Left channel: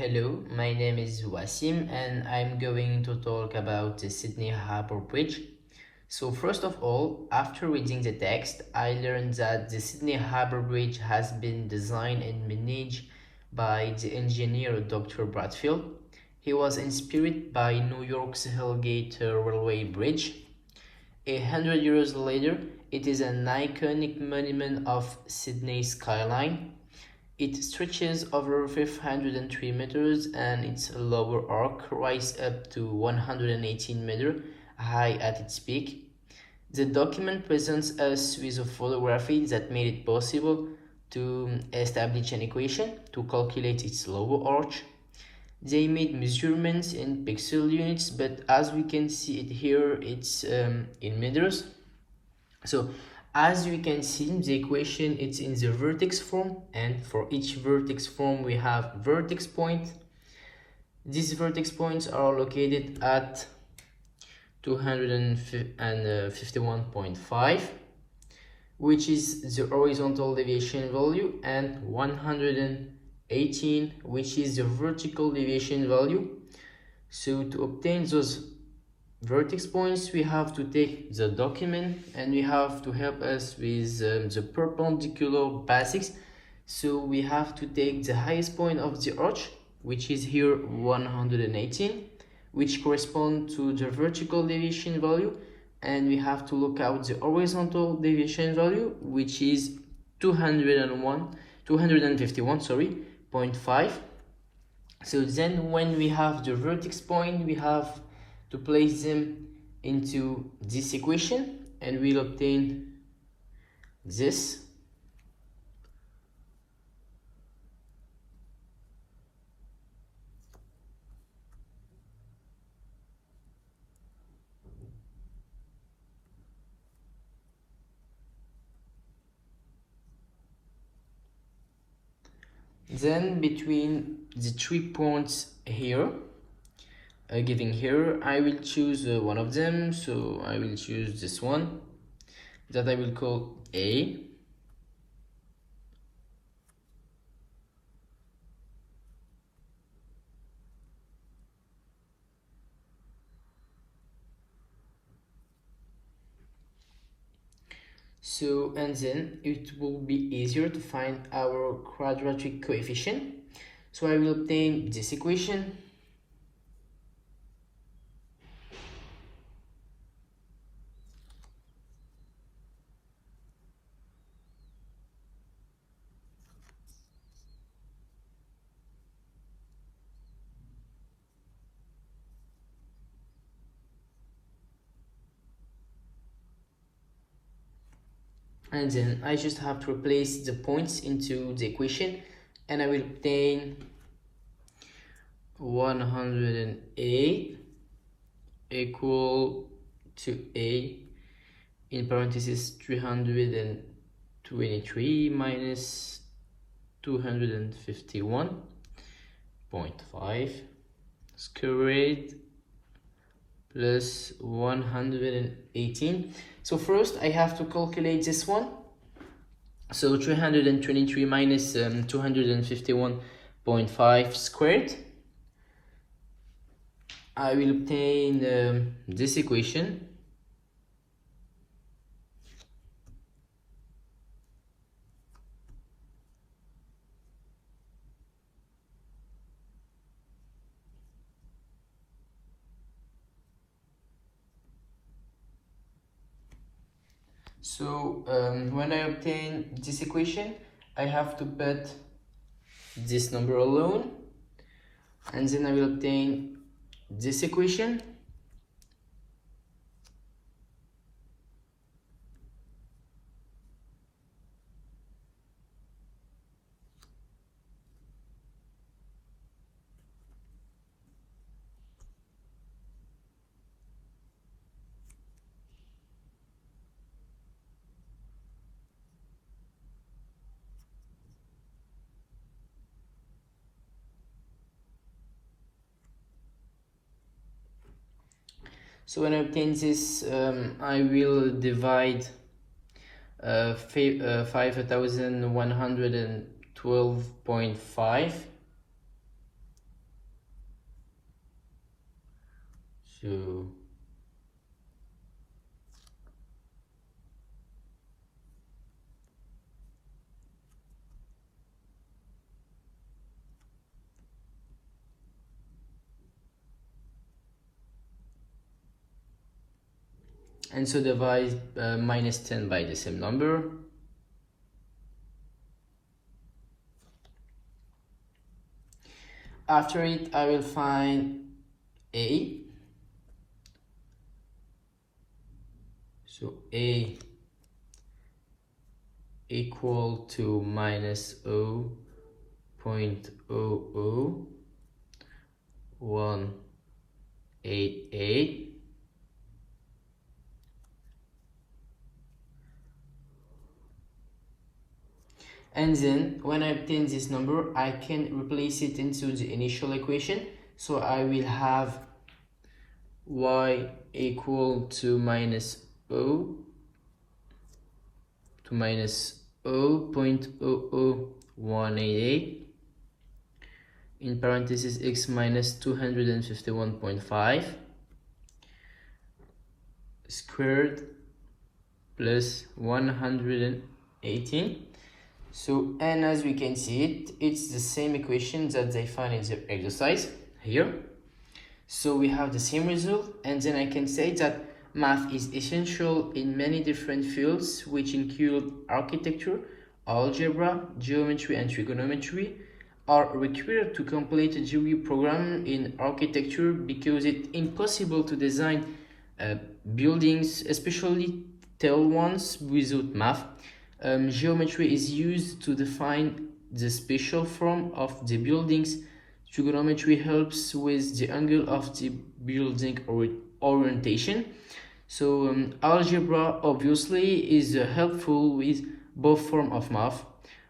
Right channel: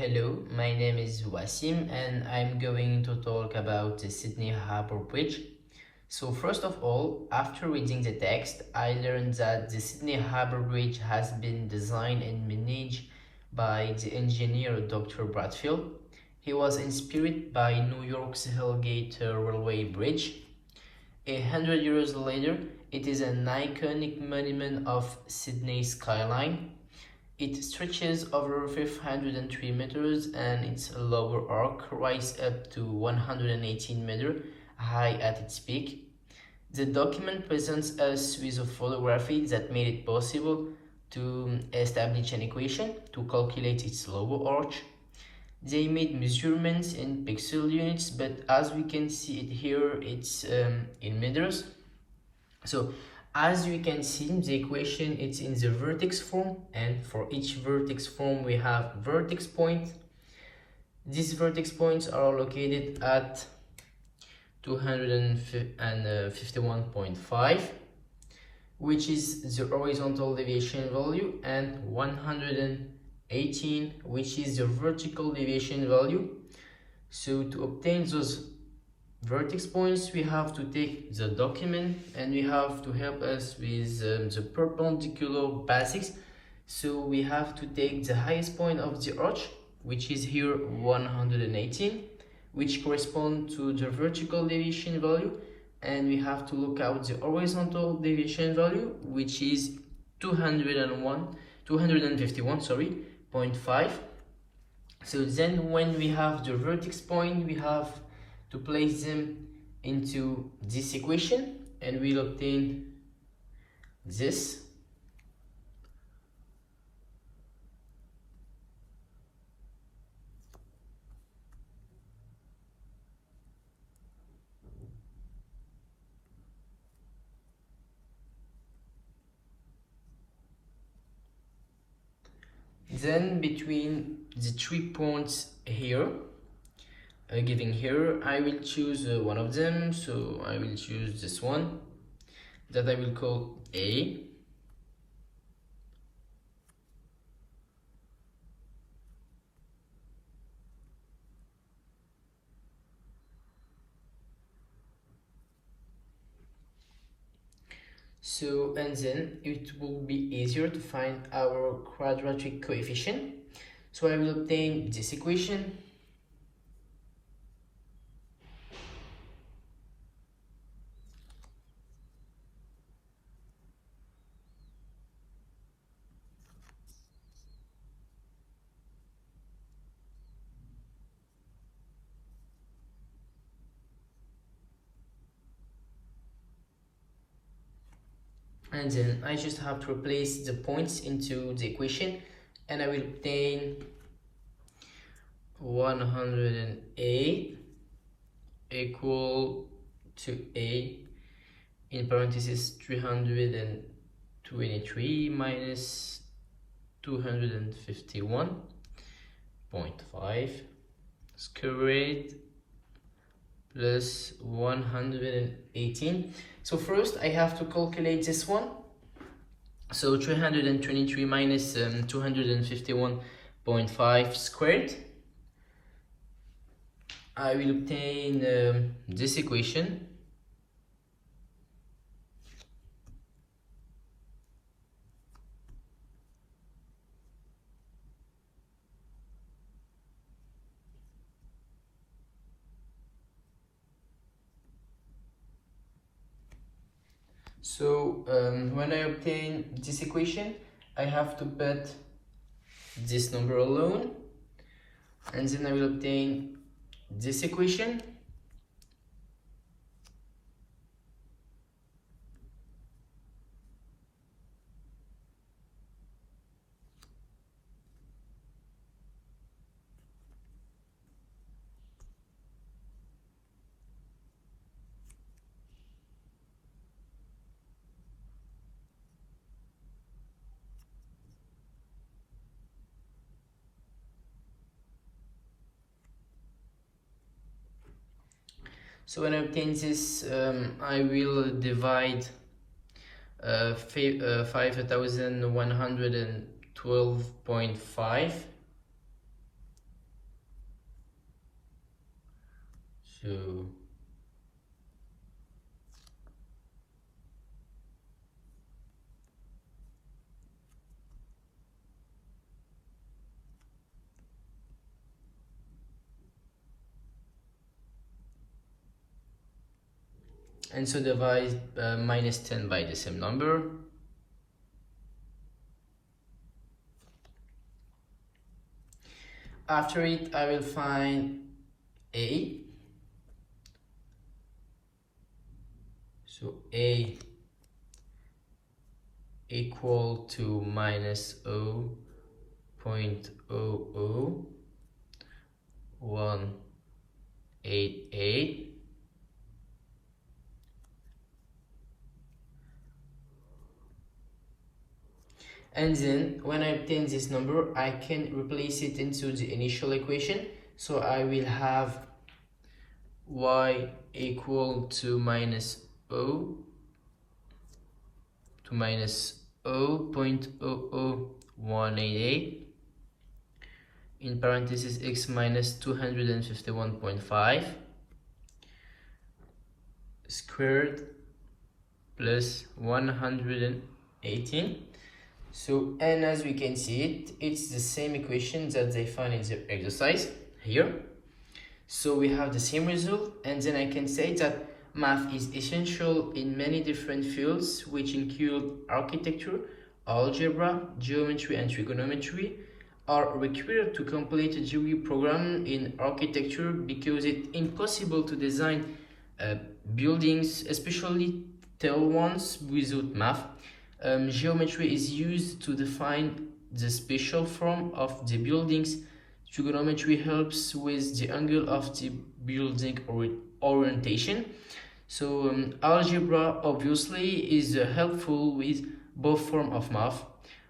Hello, my name is Wasim and I'm going to talk about the Sydney Harbour Bridge. So first of all, after reading the text, I learned that the Sydney Harbour Bridge has been designed and managed by the engineer Dr. Bradfield. He was inspired by New York's Hellgate Railway Bridge. 100 years later, it is an iconic monument of Sydney's skyline. It stretches over 503 meters and its lower arc rises up to 118 meters high at its peak. The document presents us with a photography that made it possible to establish an equation to calculate its lower arch. They made measurements in pixel units, but as we can see it here, it's in meters. So as you can see, the equation it's in the vertex form, and for each vertex form we have vertex point. These vertex points are located at 251.5, which is the horizontal deviation value, and 118, which is the vertical deviation value. So to obtain those vertex points, we have to take the document and we have to help us with the perpendicular basics. So we have to take the highest point of the arch, which is here 118, which corresponds to the vertical deviation value, and we have to look out the horizontal deviation value, which is 251, sorry, 0.5. So then when we have the vertex point, we have to place them into this equation and we'll obtain this. Then between the 3 points here, giving here, I will choose one of them. So I will choose this one that I will call A. So, and then it will be easier to find our quadratic coefficient. So I will obtain this equation. And then I just have to replace the points into the equation and I will obtain 108 equal to A in parentheses 323 minus 251.5 squared plus 118. So first I have to calculate this one. So 323 minus 251.5 squared. I will obtain this equation. So when I obtain this equation, I have to put this number alone, and then I will obtain this equation. So when I obtain this, I will divide 5112.5 So and so divide minus 10 by the same number. After it, I will find A. So A equal to minus 0.00188. And then when I obtain this number, I can replace it into the initial equation. So I will have y equal to minus 0.00188 in parentheses x minus 251.5 squared plus 118. So, and as we can see it's the same equation that they find in the exercise here. So we have the same result, and then I can say that math is essential in many different fields, which include architecture, algebra, geometry, and trigonometry, are required to complete a degree program in architecture because it's impossible to design buildings, especially tall ones, without math. Geometry is used to define the spatial form of the buildings. Trigonometry helps with the angle of the building orientation. So algebra obviously is helpful with both forms of math.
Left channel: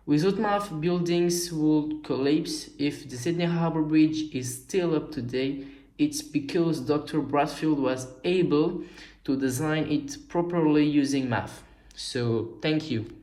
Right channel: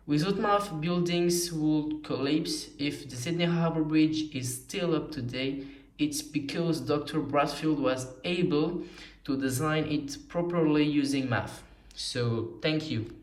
Without math, buildings would collapse. If the Sydney Harbour Bridge is still up today, it's because Dr. Bradfield was able to design it properly using math. So thank you.